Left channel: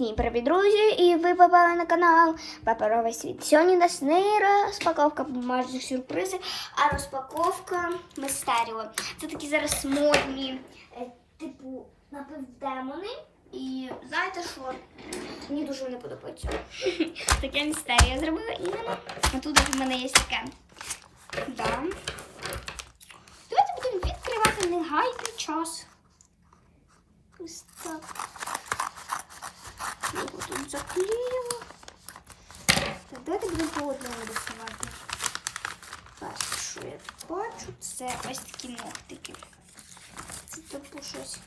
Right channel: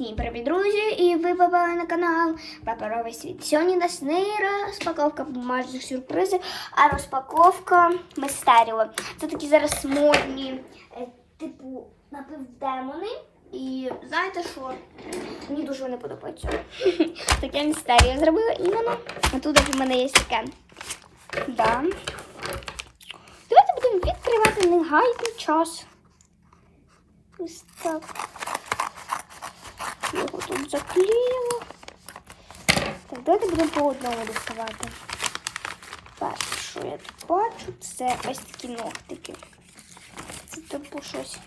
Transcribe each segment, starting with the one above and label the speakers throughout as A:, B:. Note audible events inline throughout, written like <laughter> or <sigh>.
A: Всім привіт, друзі! І ви попали на канал Паперовий світ. Сьогодні у нас розпаковка бумажних сюрпризів, а розпаковка мистеріо. Це такі зараз модні, е, типу, напівдемони. І знаєте що? Мені дуже не подобається. <laughs> Таке містеріо зробила іменно. А тут у мене є таке. Да. Давайте будемо відкривати не гайний час. Ось так. Його тут заклеїмо. Так, давайте будемо по одному доставати. Перше, що я тут бачу, це ось такі ногтики. Це типу щось.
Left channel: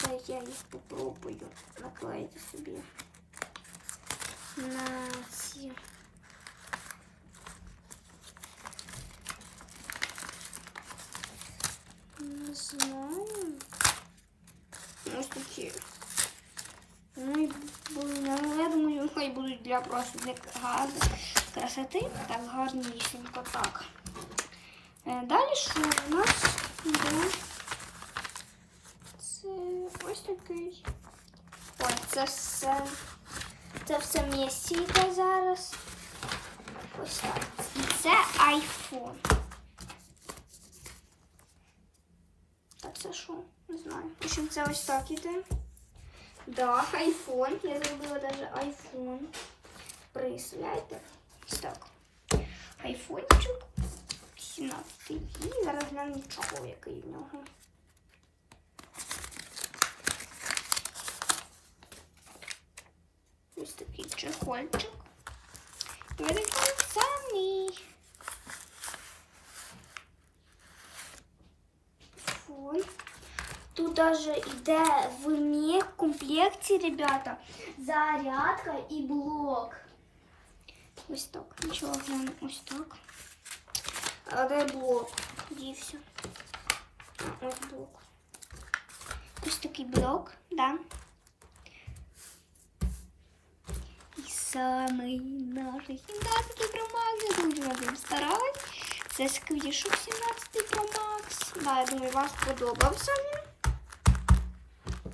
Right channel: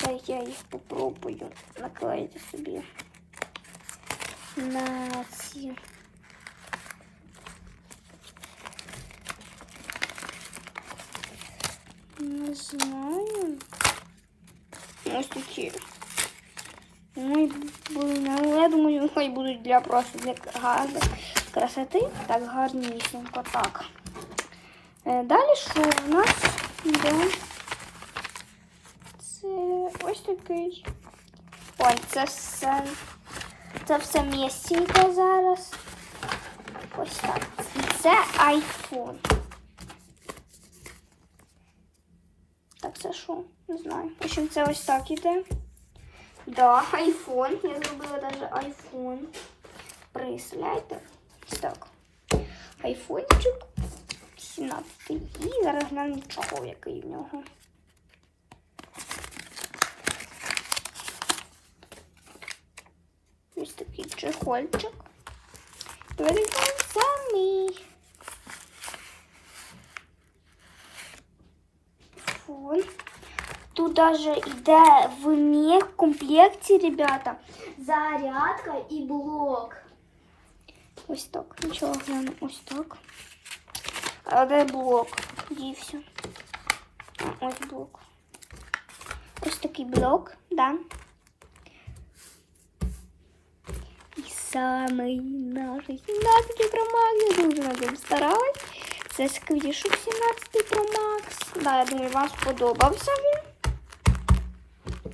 A: Та я їх попробую наклеїти собі на ці. Не знаю. Ось такі. Ну, і, хай будуть для просто гарної красоти. Так, гарнісінько так. Е, Далі що в нас йде? Це ось такий. Ой, це все. Це все м'ясіньке зараз. Ось так. Це айфон. Так, це що? Не знаю. В общем, це ось так іде. Да, айфон. Я зробила даже айфон. Представляєте? Ось так. Айфончик. 17. І зараз глянемо чохол, який в нього. Ось такий чехольчик. Це мій. Фон. Тут даже йде в них комплекті, ребята, зарядка і блок. Ось так. Нічого, ось так. А де блок? Дівся. Ось блок. Ось такий блок, да. І самий наш 17 Pro Max. Я дуже над ним старалась. Це скоріше 17 Pro Max. Да, я думаю, вам сподобався він.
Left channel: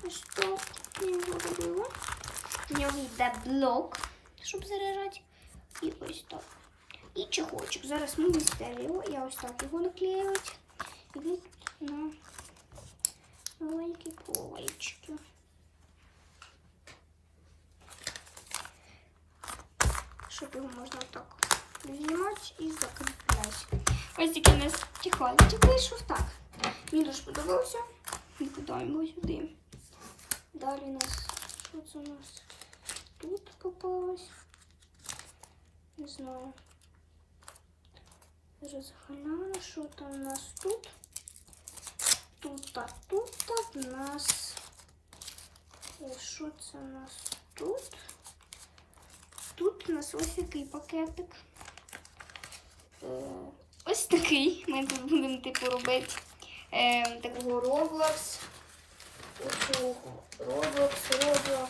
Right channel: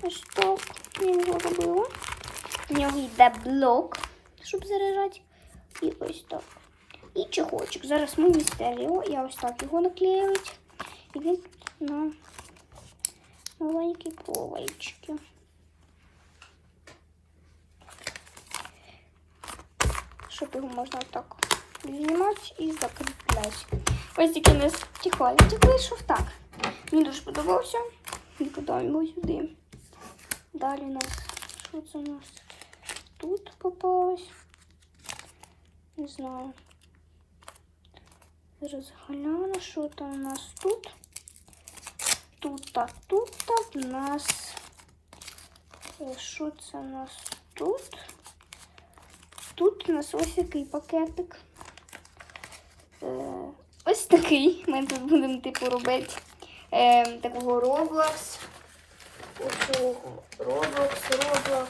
A: Ось так Я його робила. Нього йде блок, щоб заряджати. І ось так. І чехольчик. Зараз ми містеріо. Я ось так його наклеюють. І він на маленькі полички. Щоб його можна так знімати і закріпляти. Ось такий у нас чехольчик вийшов так. Мені дуже подобався. І подаємо сюди. Далі у нас, що це у нас тут попалось? Не знаю. Зараз гляну, що там у нас тут. Тут, а тут так у нас. Е, Що це у нас тут? Тут у нас ось який пакетик. Е, Ось такий. Ми тут будемо типу робити е, такого Roblox. Ого, Roblox, Roblox.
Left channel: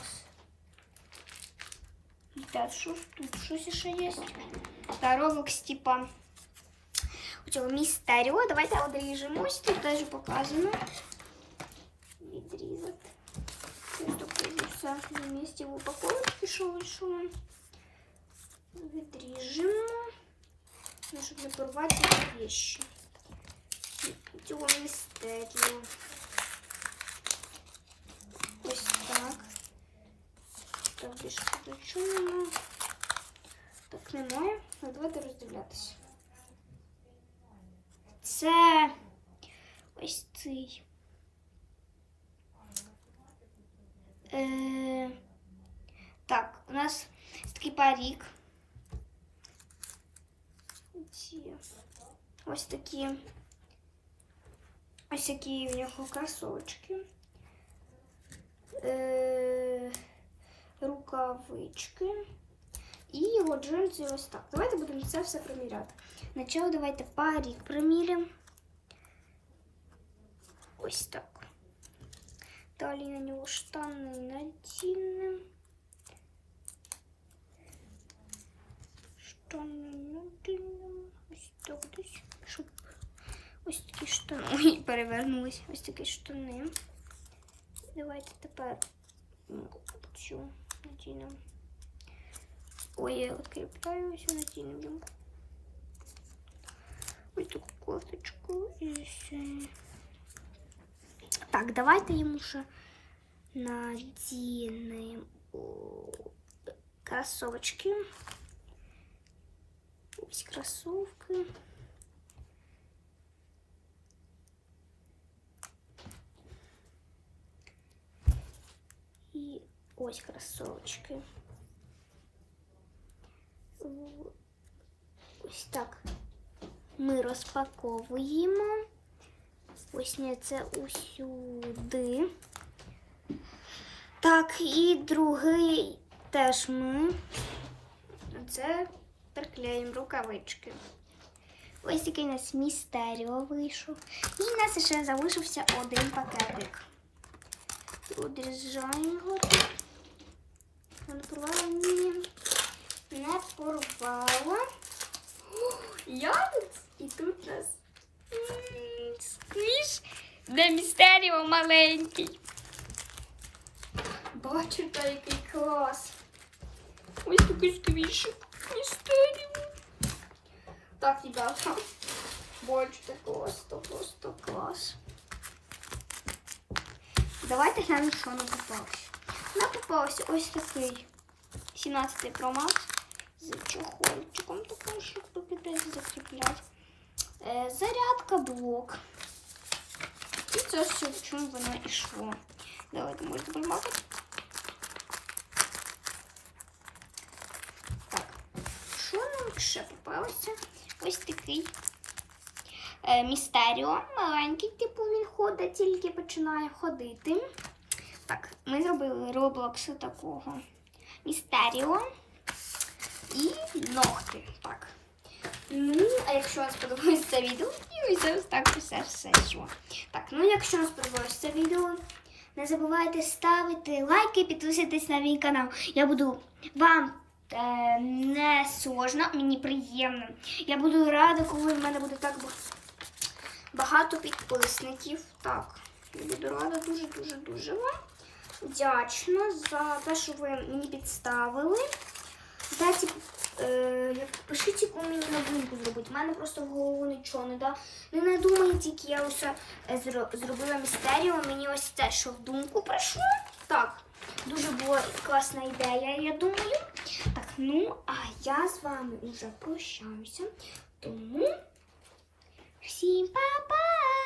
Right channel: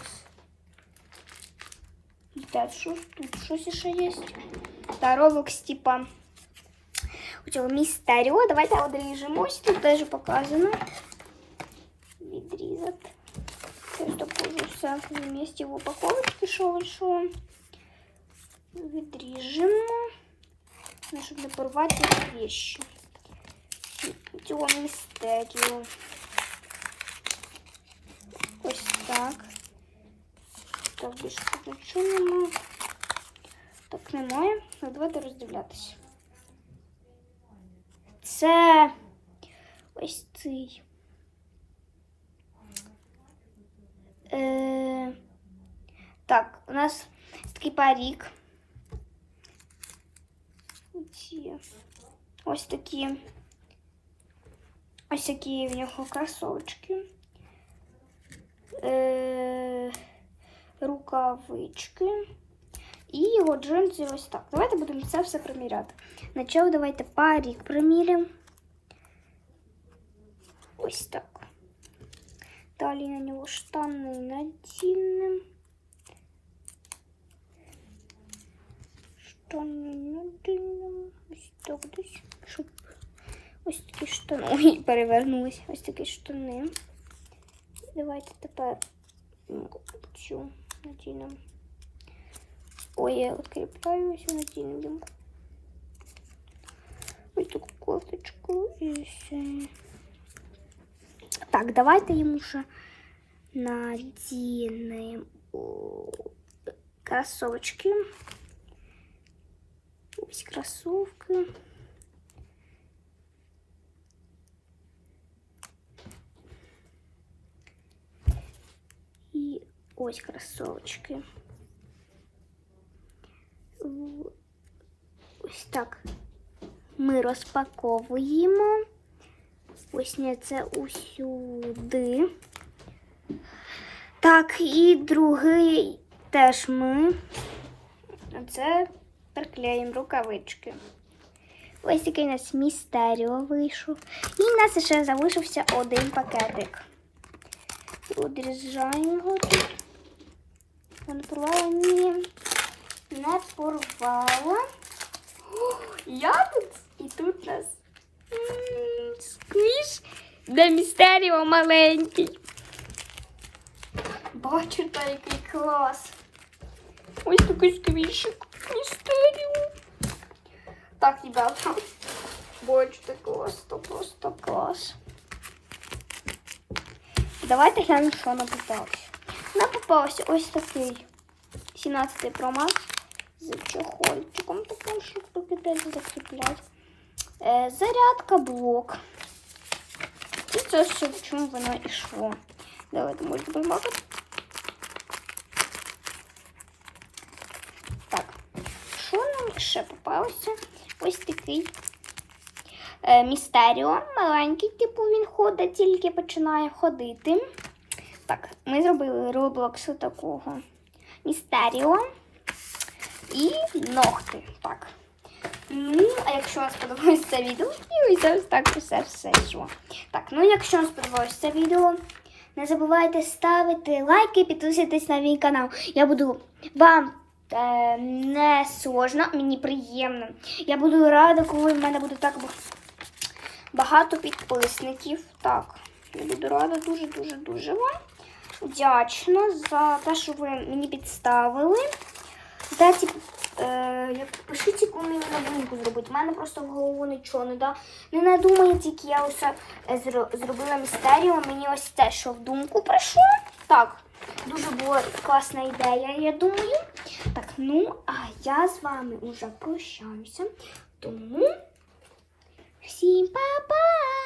A: Так, що ж тут? Щось ще є? Та Roblox, типа у цього містеріо. Давайте одріжемо. Ось тут теж показано. Відрізати. Ось також все на місці в упаковці пішов, що відріжемо. Ну, щоб не порвати вещи. Цього містеріо. Так, більше тут нічого немає. Так, немає. Ну, давайте роздивлятися. Це ось цей. Е, так, у нас такий парік. Ось такі. Ось такі в нього кросовочки. Е, рукавички. І його джинси ось так. Давайте будемо це все приміряти. Начало давайте парік приміряємо. Ось так. Далі на нього штани надінемо. Штани надінемо. Ось так десь. Щоб ось такі штани. <laughs> Ой, перевернулись. Ось такі штани. Давайте тепер м, цю надійну. Ой, я відкріпляю цю надійну думку. Ось таку кофточку і все. Так, давайте йому вже надінемо кросовочки. Ось кросовки. Ось кросовочки. Ось так ми розпаковуємо. Ось це усюди. Так, і другий теж ми. Це приклеїмо рукавички. Ось такий у нас містеріо вийшов. І в нас ще залишився один пакетик. Одрізаємо його. тут. Не порвала? Ні. Не порвала. О, Я тут і тут у нас м, сквіш для містеріо маленький. Бачите, який клас. Ось такий сквішик. Містеріо. Так, ребята. Бачите, клас, то просто клас. Давайте глянемо, що нам попалося. Нам попався ось такий 17-й промах з чохольчиком, таким, щоб покидати закріпляти. Е, зарядка блок. І це все, в чому воно йшло. Давайте будемо добавити. Так, що нам ще попалося? Ось такий е, містеріо. Маленький, типу він ходить, тільки починає ходити. Так, ми зробили Roblox такого містеріо і ногти. Так. Ну, а якщо вам сподобалось це відео, і так все все йшло. Так, ну якщо вам сподобалось це відео, не забувайте ставити лайки підписуйтесь на мій канал. Я буду вам е, не сложно, мені приємно. Я буду рада, коли в мене буде так багато підписників. Так, я буду рада дуже-дуже дуже вам. Вдячна за те, що ви мені підставили. Дайте, е, як пишіть, яку мені на думку зробити. У мене просто в голову нічого не да. Не надумайте, тільки я ось е, зробила містерію. Мені ось те, що в думку прийшло. Так, дуже була класна ідея, я думаю. Так, ну, а я з вами вже прощаюся. Тому всім па-па!